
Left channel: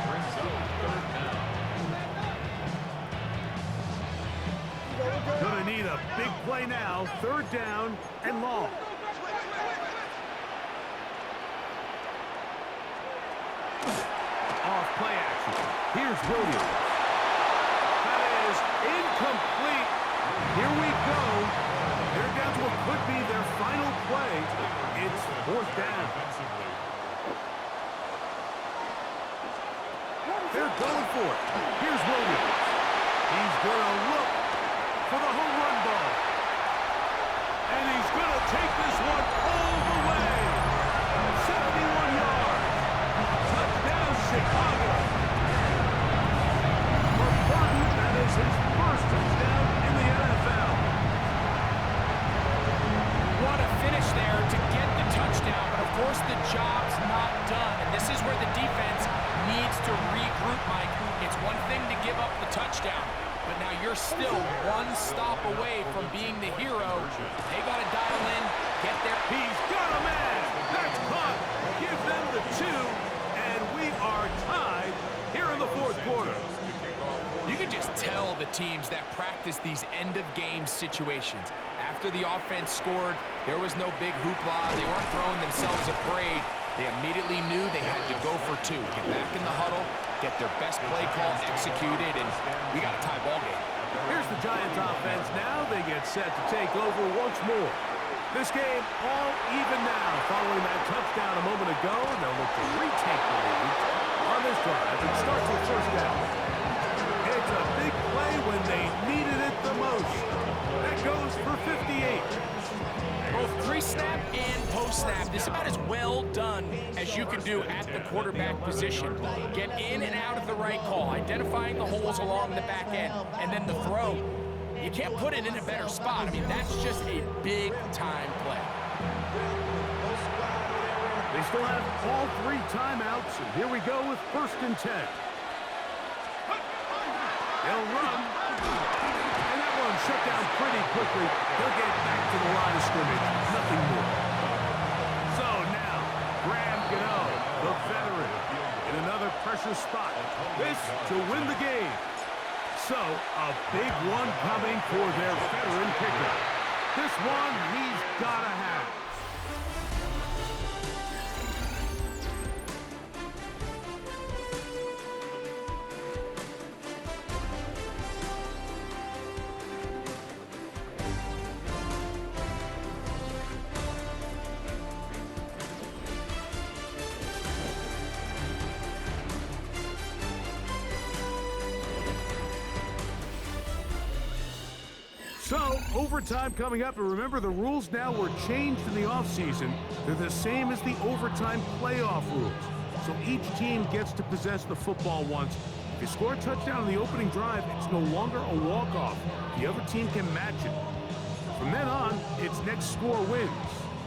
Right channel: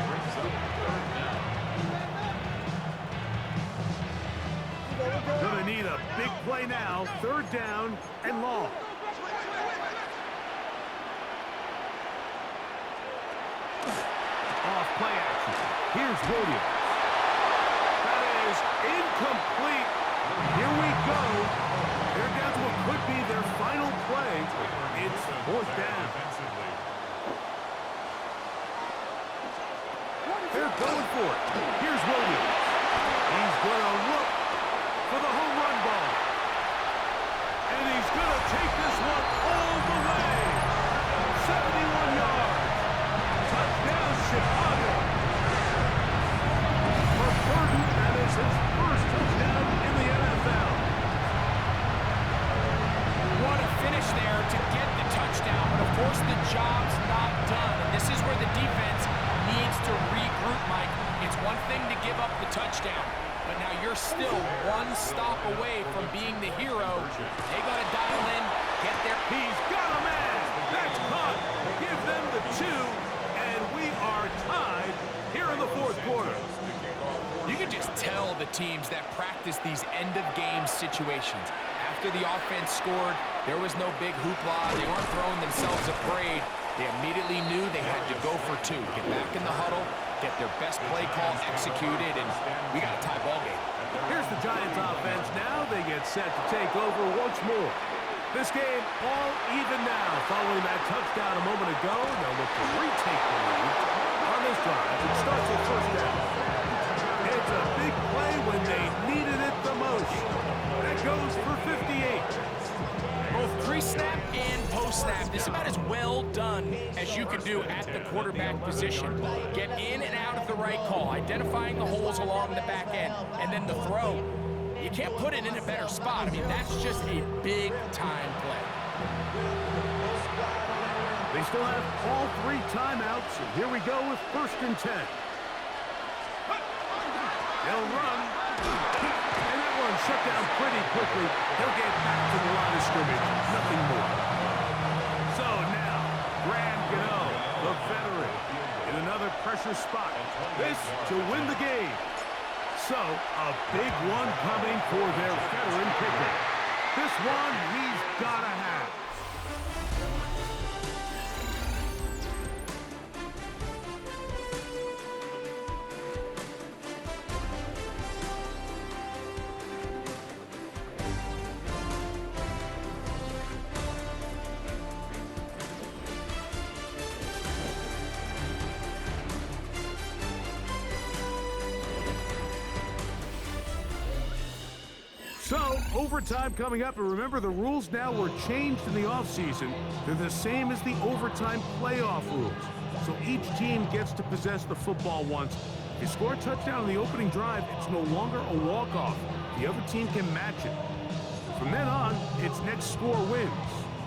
Brings up 3rd down. Gonna need a big play now. 3rd down and long. Off play action. Here's Williams. That is incomplete. Here we go. They're down to what could be their final play. It's 4th down. They're going for it. Here's Williams. He's going to look for the home run ball. And he's going to take this one all the way. 71 yards. Touchdown, Chicago. For Burton, that is his first touchdown in the NFL. What a finish there to get the touchdown, but of course the job's not done. And this is where the defense needs to regroup, Mike. It's one thing to give up the touchdown, but now you're still one stop away from being the hero. They got to dial in, get there. He's got a man. That's caught. Give them the 2, and we are tied here in the 4th quarter. You can just tell the teams that practice these end-of-game situations. After the offense scored, there was no big hoopla. They weren't throwing themselves a parade. They immediately knew they had to go for 2. Get back in the huddle, get their best play call executed, and we got a tie ball game. Here's the Giants offense now. They get set to take over once more. This game all even now following that touchdown a moment ago. They'll look to retake the lead on this drive and start with 1st down. It's a big play when they needed it the most. That goes for 58. Both pre-snap and post-snap, this is about as well done as you can do at the quarterback position. Get in and out of the right call, identifying the holes along the back end, and then the throw. You can't put it in a better spot. I mean, that's just a big-time play. They still have all 3 timeouts, and here we go with 1st and 10. They'll run, and that one shut down pretty quickly. He'll get back to the line of scrimmage, nothing more. So now, Graham Gano, the veteran, in another pressure spot. This to win the game. So, a big one coming for their veteran kicker. This one he's got to have. So, overtime coming up, and remember the rules now were changed in the offseason. They're the same as the overtime playoff rules. So each team gets to possess the football once. If you score a touchdown on the opening drive, it's no longer a walk-off. The other team can match it. From then on, it's next score wins.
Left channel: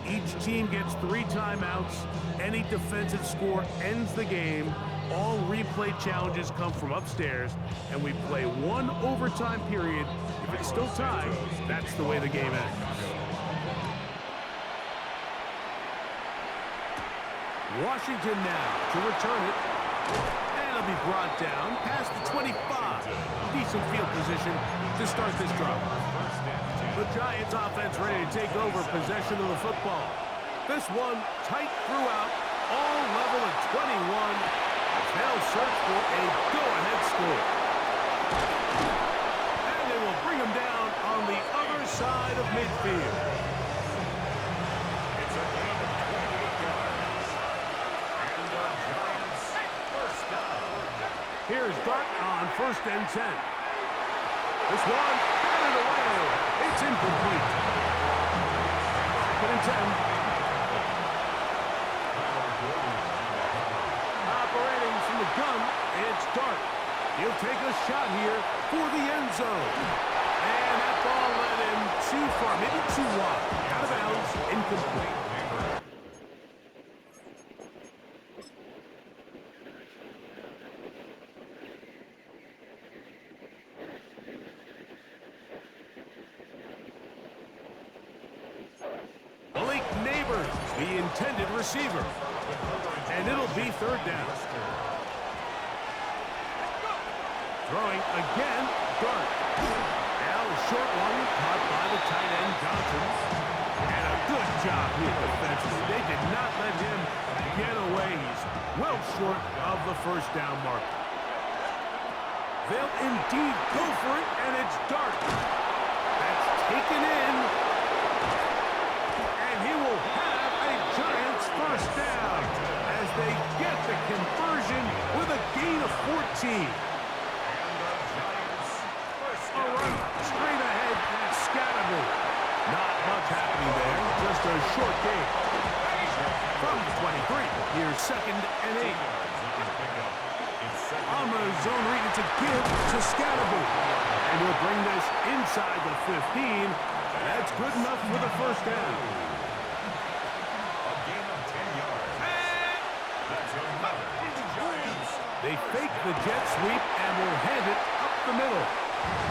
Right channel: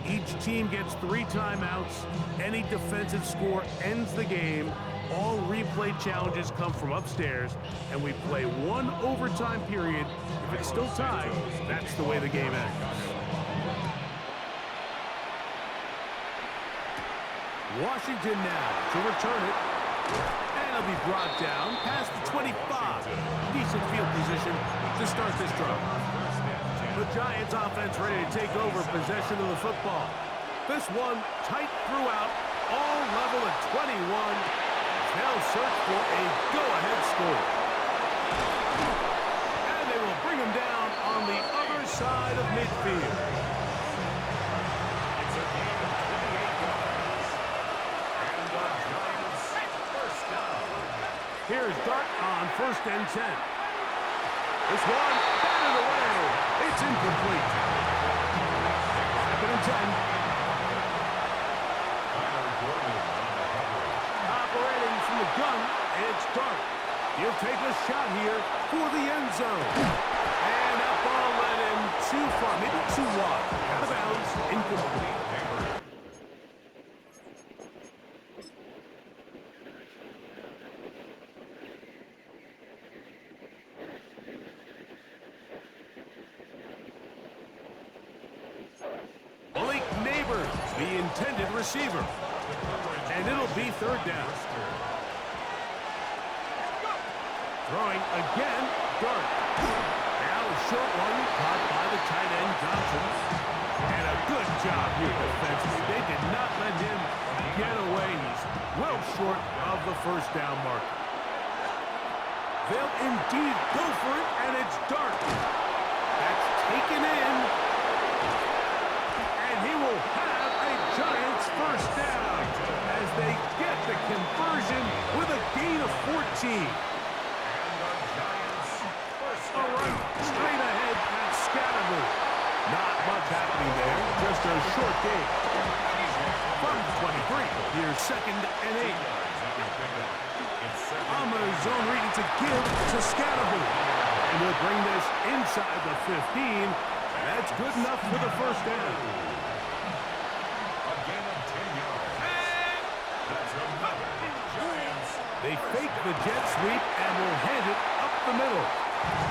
Each team gets 3 timeouts. Any defensive score ends the game. All replay challenges come from upstairs, and we play 1 overtime period. If it's still tied, that's the way the game ends. Washington now to return it. And it'll be brought down past the 25. Decent field position to start this drive. The Giants offense ready to take over possession of the football. This one tight throughout. all level at 21 as they'll search for a go-ahead score. And they will bring him down on the other side of midfield. It's a gain of 28 yards. And the Giants first down. Here's Dart on 1st and 10. This one, batted away. It's incomplete. 2nd and 10. Operating from the gun, it's Dart. He'll take a shot here for the end zone. And that ball led him too far, maybe too wide. Out of bounds, incomplete. Malik Neighbors, the intended receiver. And it'll be 3rd down. Throwing again, Dart. Now a short one caught by the tight end, Johnson. And a good job here defensively. They did not let him get away. He's well short of the 1st down mark. They'll indeed go for it, and it's Dart. That's taken in. And he will have a Giants 1st down as they get the conversion with a gain of 14. A run straight ahead at Scatterby. Not much happening there, just a short gain. From the 23, here's 2nd and 8. On the zone read, it's a give to Scatterby. And he'll bring this inside the 15. That's good enough for the 1st down. A gain of 10 yards. That's another Giants. They fake the jet sweep and will hand it up the middle.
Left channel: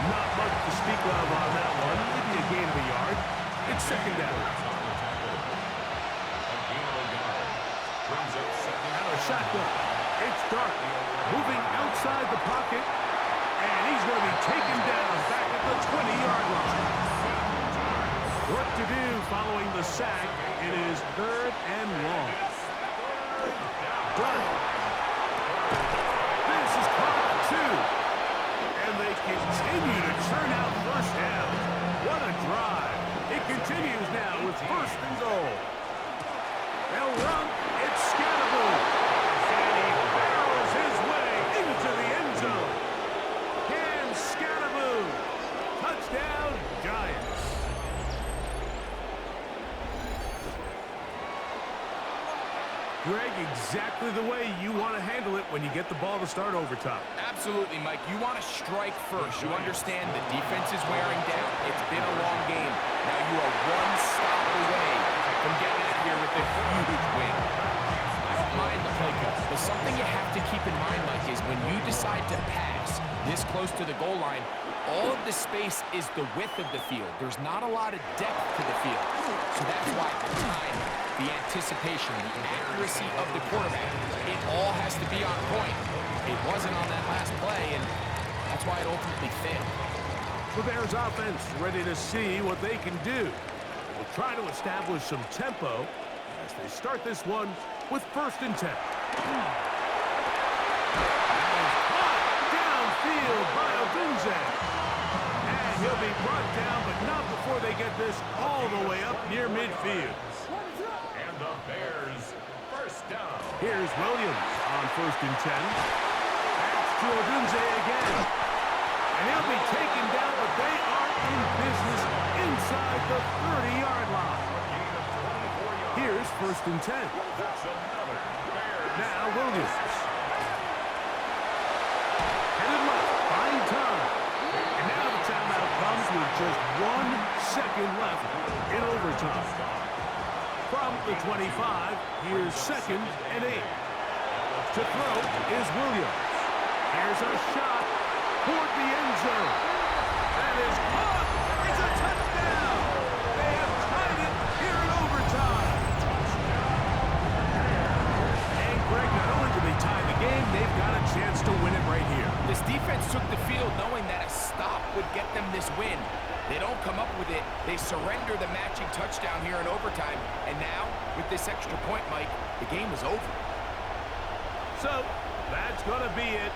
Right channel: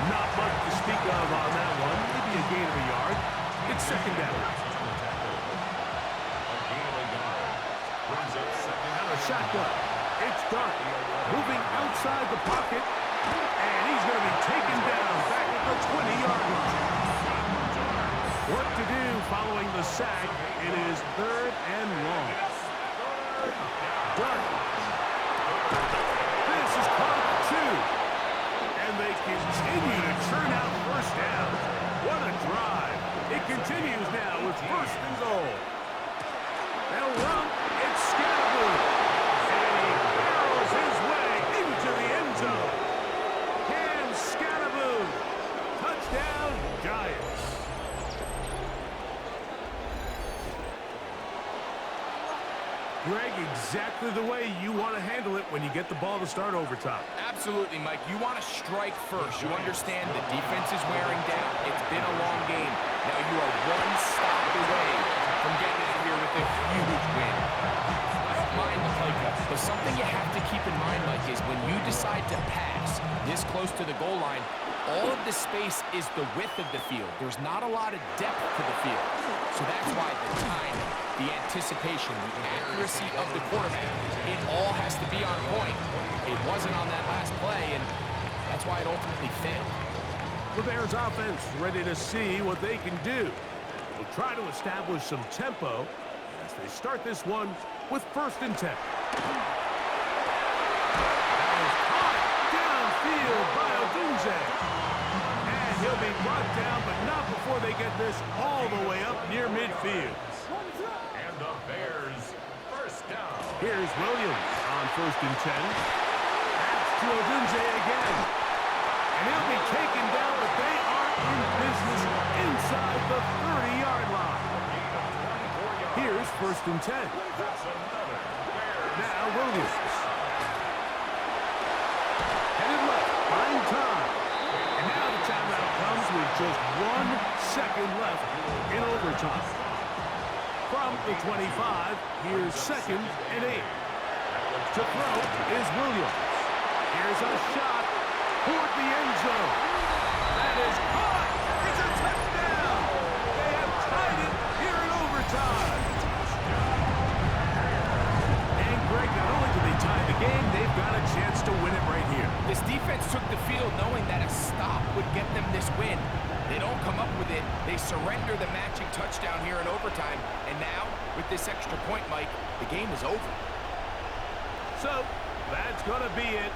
Not much to speak of on that one. Maybe a gain of a yard. It's 2nd down. A gain of a yard. Brings up 2nd. And a shotgun. It's Dart. Moving outside the pocket. And he's going to be taken down back at the 20-yard line. Work to do following the sack. It is 3rd and long. Dart. This is caught at 2. And they continue to churn out 1st down. What a drive. It continues now with 1st and goal. They'll run. It's Scatterby. And he barrels his way into the end zone. Cam Scatterby. Touchdown, Giants. Greg, exactly the way you want to handle it when you get the ball to start overtime. Absolutely, Mike. You want to strike first. You understand the defense is wearing down. It's been a long game. Now you are 1 stop away from getting out of here with a huge win. I don't mind the play call, but something you have to keep in mind, Mike, is when you decide to pass this close to the goal line, all of the space is the width of the field. There's not a lot of depth to the field. So that's why the time, the anticipation, the accuracy of the quarterback, it all has to be on point. It wasn't on that last play, and that's why it ultimately failed. The Bears offense ready to see what they can do. We'll try to establish some tempo as they start this one with 1st and 10. That is caught downfield by Odunze. And he'll be brought down, but not before they get this all the way up near midfield. And the Bears 1st down. Here's Williams on 1st and 10. That's to Odunze again. And he'll be taken down, but they are in business inside the 30-yard line. A gain of 24 yards. Here's 1st and 10. That's another Bears. Now Williams. Headed left, buying time. And now the timeout comes with just 1 second left in overtime. From the 25, here's 2nd and 8. To throw is Williams. Here's a shot toward the end zone. That is caught. It's a touchdown. They have tied it here in overtime. And Greg, not only did they tie the game, they've got a chance to win it right here. This defense took the field knowing that a stop would get them this win. They don't come up with it. They surrender the matching touchdown here in overtime. And now, with this extra point, Mike, the game is over. So, that's going to be it.